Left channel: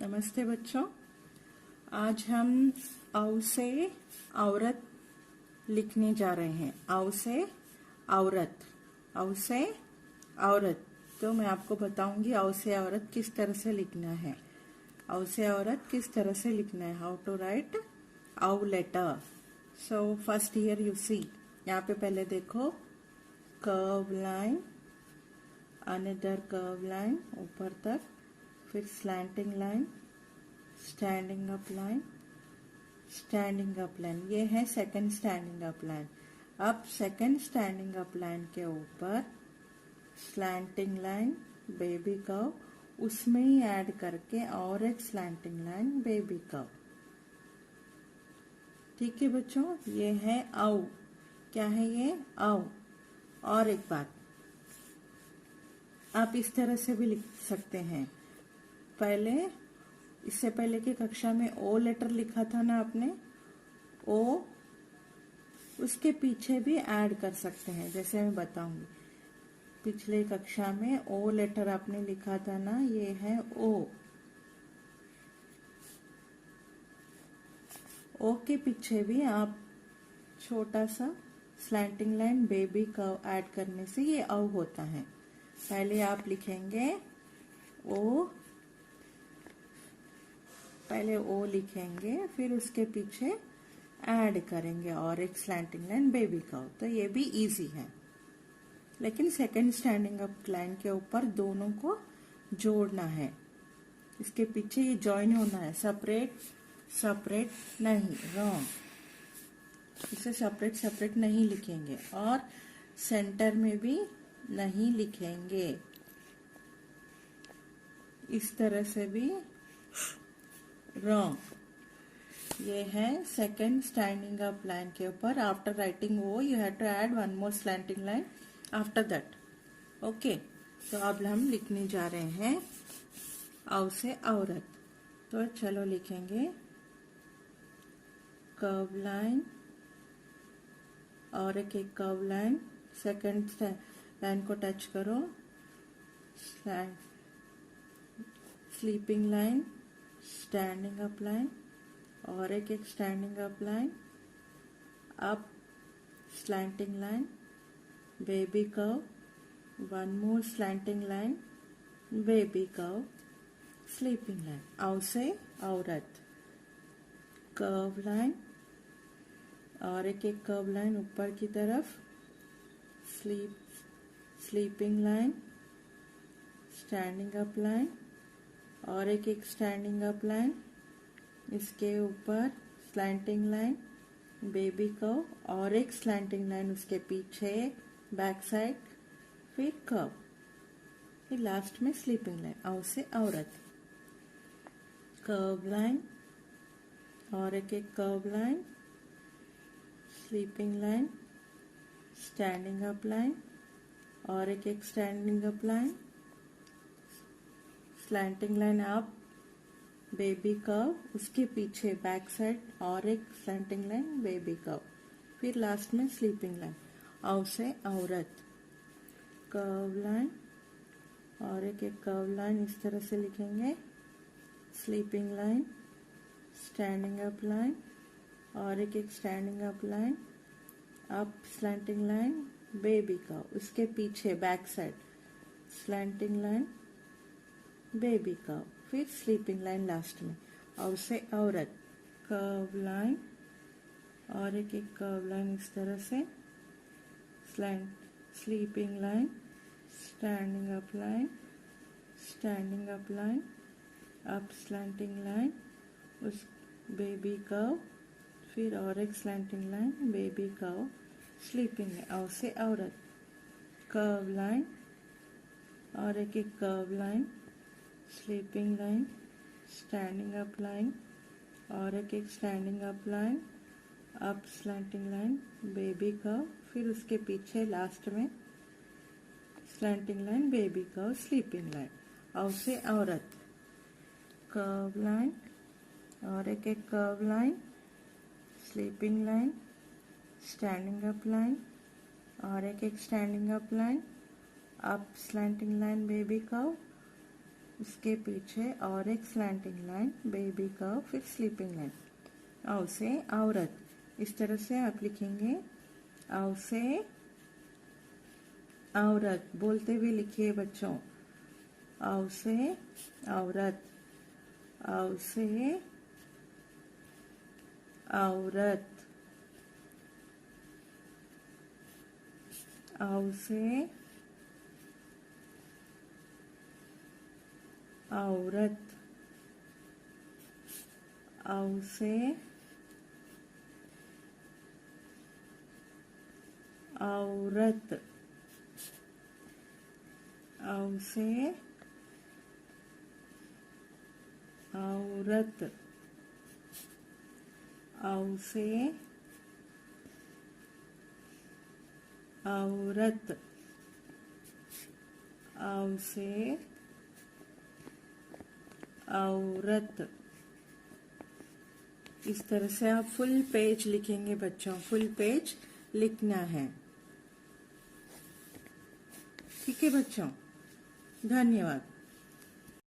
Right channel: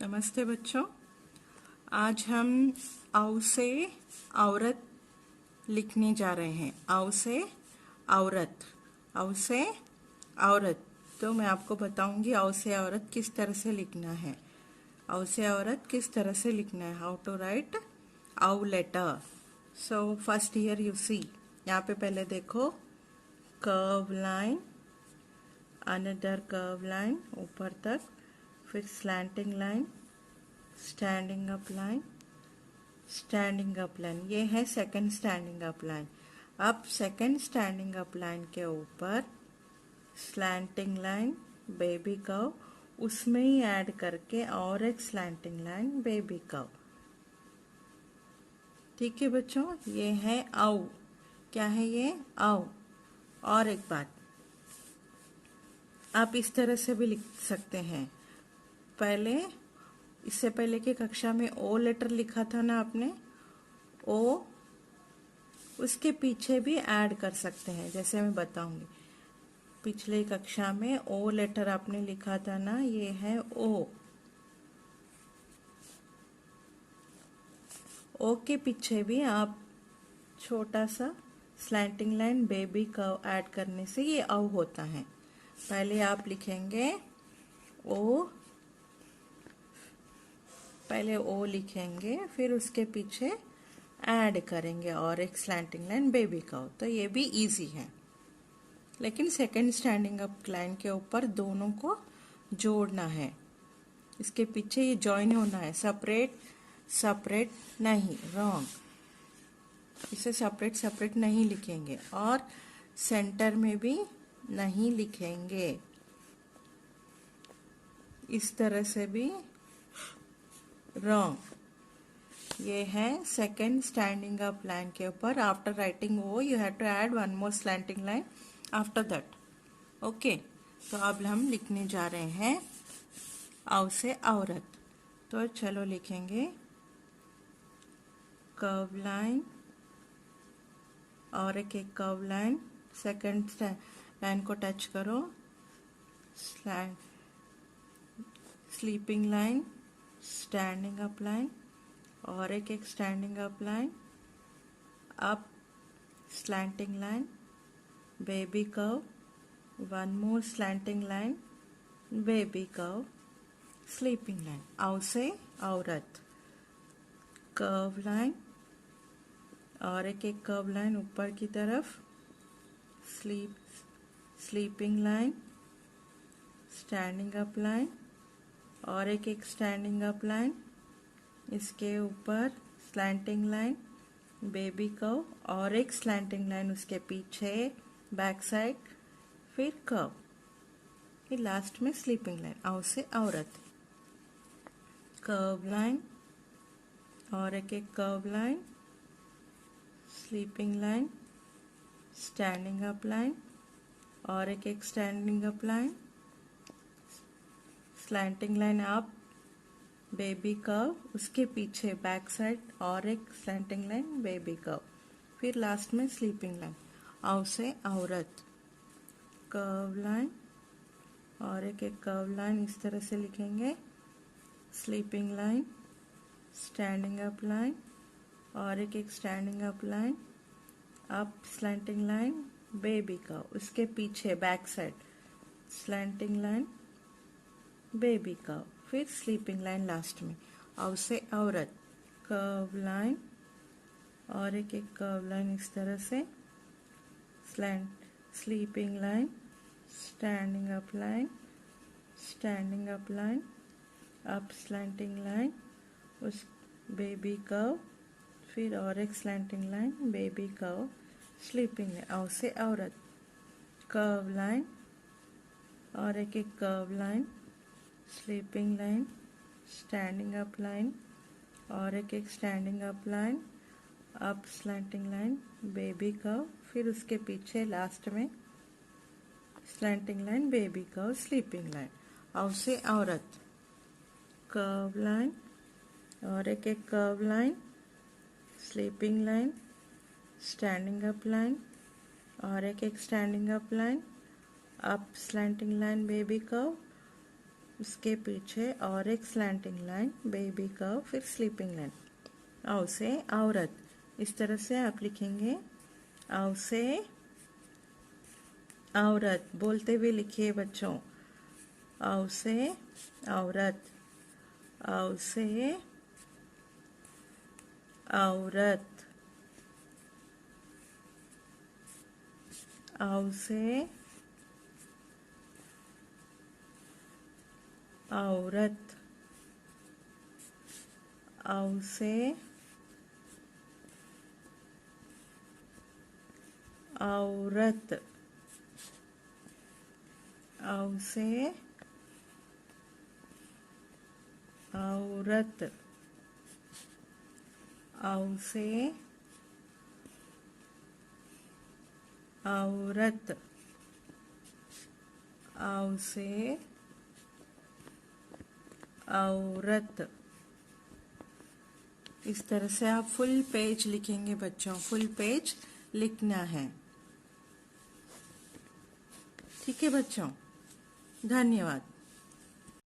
नमस्ते बच्चों। आज हम औ से औरत लिखने जा रहे हैं। औ से औरत, औ से औरत। तो मैं आपको बताऊंगी औ से औरत किस तरह से लिखना है। औ से औरत किस तरह से लिखना है, हाउ टू राइट औ letter. So first here you see, यहाँ पे पहले देखो curve line, another curve line ऊपर तक, फिर slanting line, standing up line, standing up line. ये है सेकंड स्टैंडिंग अप लाइन। अब सेकंड स्टैंडिंग अप लाइन के ऊपर स्लैंटिंग लाइन, बेबी कर्व, उसमें ही ऐड करके और एक स्लैंटिंग लाइन, बेबी कर्व। ठीक है बच्चों, ये है औ। क्या है ये? औ। और एक बात, आप इस तरह से भी लिख सकते हैं। पहले, इससे पहले की कक्षा में ओ लेटर लिखा था ना आपने, ओ उसके पीछे भी ऐड कर सकते हैं, जैसे मैं बताऊंगी। पिछले कक्षा में ओ लेटर आपने लिखा था ना, ये है ओ। ओ के पीछे भी आप छोटा सा slanting line, baby curve add करने से ये औ होता है। पहले आप लिखेंगे ओ, पहले ओ लिखेंगे, फिर उसके पीछे ऐड करेंगे और एक स्लैंटिंग लाइन, बेबी कर्व। तो ये भी इजी है, लेकिन सेकंड स्टैंडिंग अप लाइन के ऊपर दोनों को जोड़ना है। इसके पीछे ये जॉइन होना है, सेपरेट सेपरेट नहीं, रॉन्ग। इसे सेपरेट सेपरेट नहीं लिखेंगे और सेंटर में भी नहीं लिखेंगे, इस तरह से भी रॉन्ग। ये है सेकंड स्टैंडिंग अप लाइन के ऊपर। आफ्टर राइटिंग वो you have to add one more slanting line after that. Okay, तो अब हम लिखने जा रहे हैं औ से औरत। तो चलो लिखेंगे कर्व लाइन और एक कर्व लाइन, सेकंड लाइन को टच करो, sleeping line, standing up line और एक standing up line, up slanting line, baby curve, one more slanting line, baby curve, sleeping line. औ से औरत, कर्व लाइन और एक कर्व लाइन ऊपर की तरफ, sleeping line, standing up line और एक स्टैंडिंग अप लाइन, इसके ऊपर स्लैंटिंग लाइन, बेबी कर्व और एक स्लैंटिंग लाइन उसके पीछे बैक साइड, फिर कर्व, फिर लास्ट में स्लीपिंग लाइन। औ से औरत, कर्व लाइन और एक curve line, sleeping line, standing up line और एक standing up line, slanting line up, baby curve, उसके पीछे बैक साइड और एक स्लैंटिंग लाइन, बेबी कर्व, फिर लास्ट में स्लीपिंग लाइन। औ से औरत, कर्व लाइन और एक कर्व लाइन इस तरह से लिखेंगे, sleeping line, standing up line और एक standing up line, up slanting line, baby curve, उसके पीछे back side slanting line, baby curve, फिर स्लीपिंग लाइन लास्ट में। औ से औरत, कर्व लाइन और एक कर्व लाइन इस तरह से, sleeping line, standing up line, standing up line, up slanting line, उस बेबी कर्व, फिर और एक slanting line, baby curve, sleeping line. औ से औरत, कर्व लाइन और एक curve line, sleeping line, standing up line और एक standing up line, up slanting line, baby curve, फिर उसके पीछे लास्ट में slanting line, baby curve, sleeping line. औ से औरत, कर्व लाइन और एक curve line, sleeping line, standing up line और एक standing up line, up slanting line, baby curve, उसके पीछे और एक स्लैंटिंग लाइन, बेबी कर्व, फिर स्लीपिंग लाइन। औ से औरत, इस तरह से आप लिखेंगे। औ से औरत, बोलते हुए लिखिए बच्चों। औ से औरत, औ से औरत, औ से औरत, औ से औरत, औ से औरत, औ से औरत, औ से औरत। इस तरह से आप फुल पेज लिखेंगे बच्चों, फुल पेज लिखना है। ठीक है बच्चों, धन्यवाद।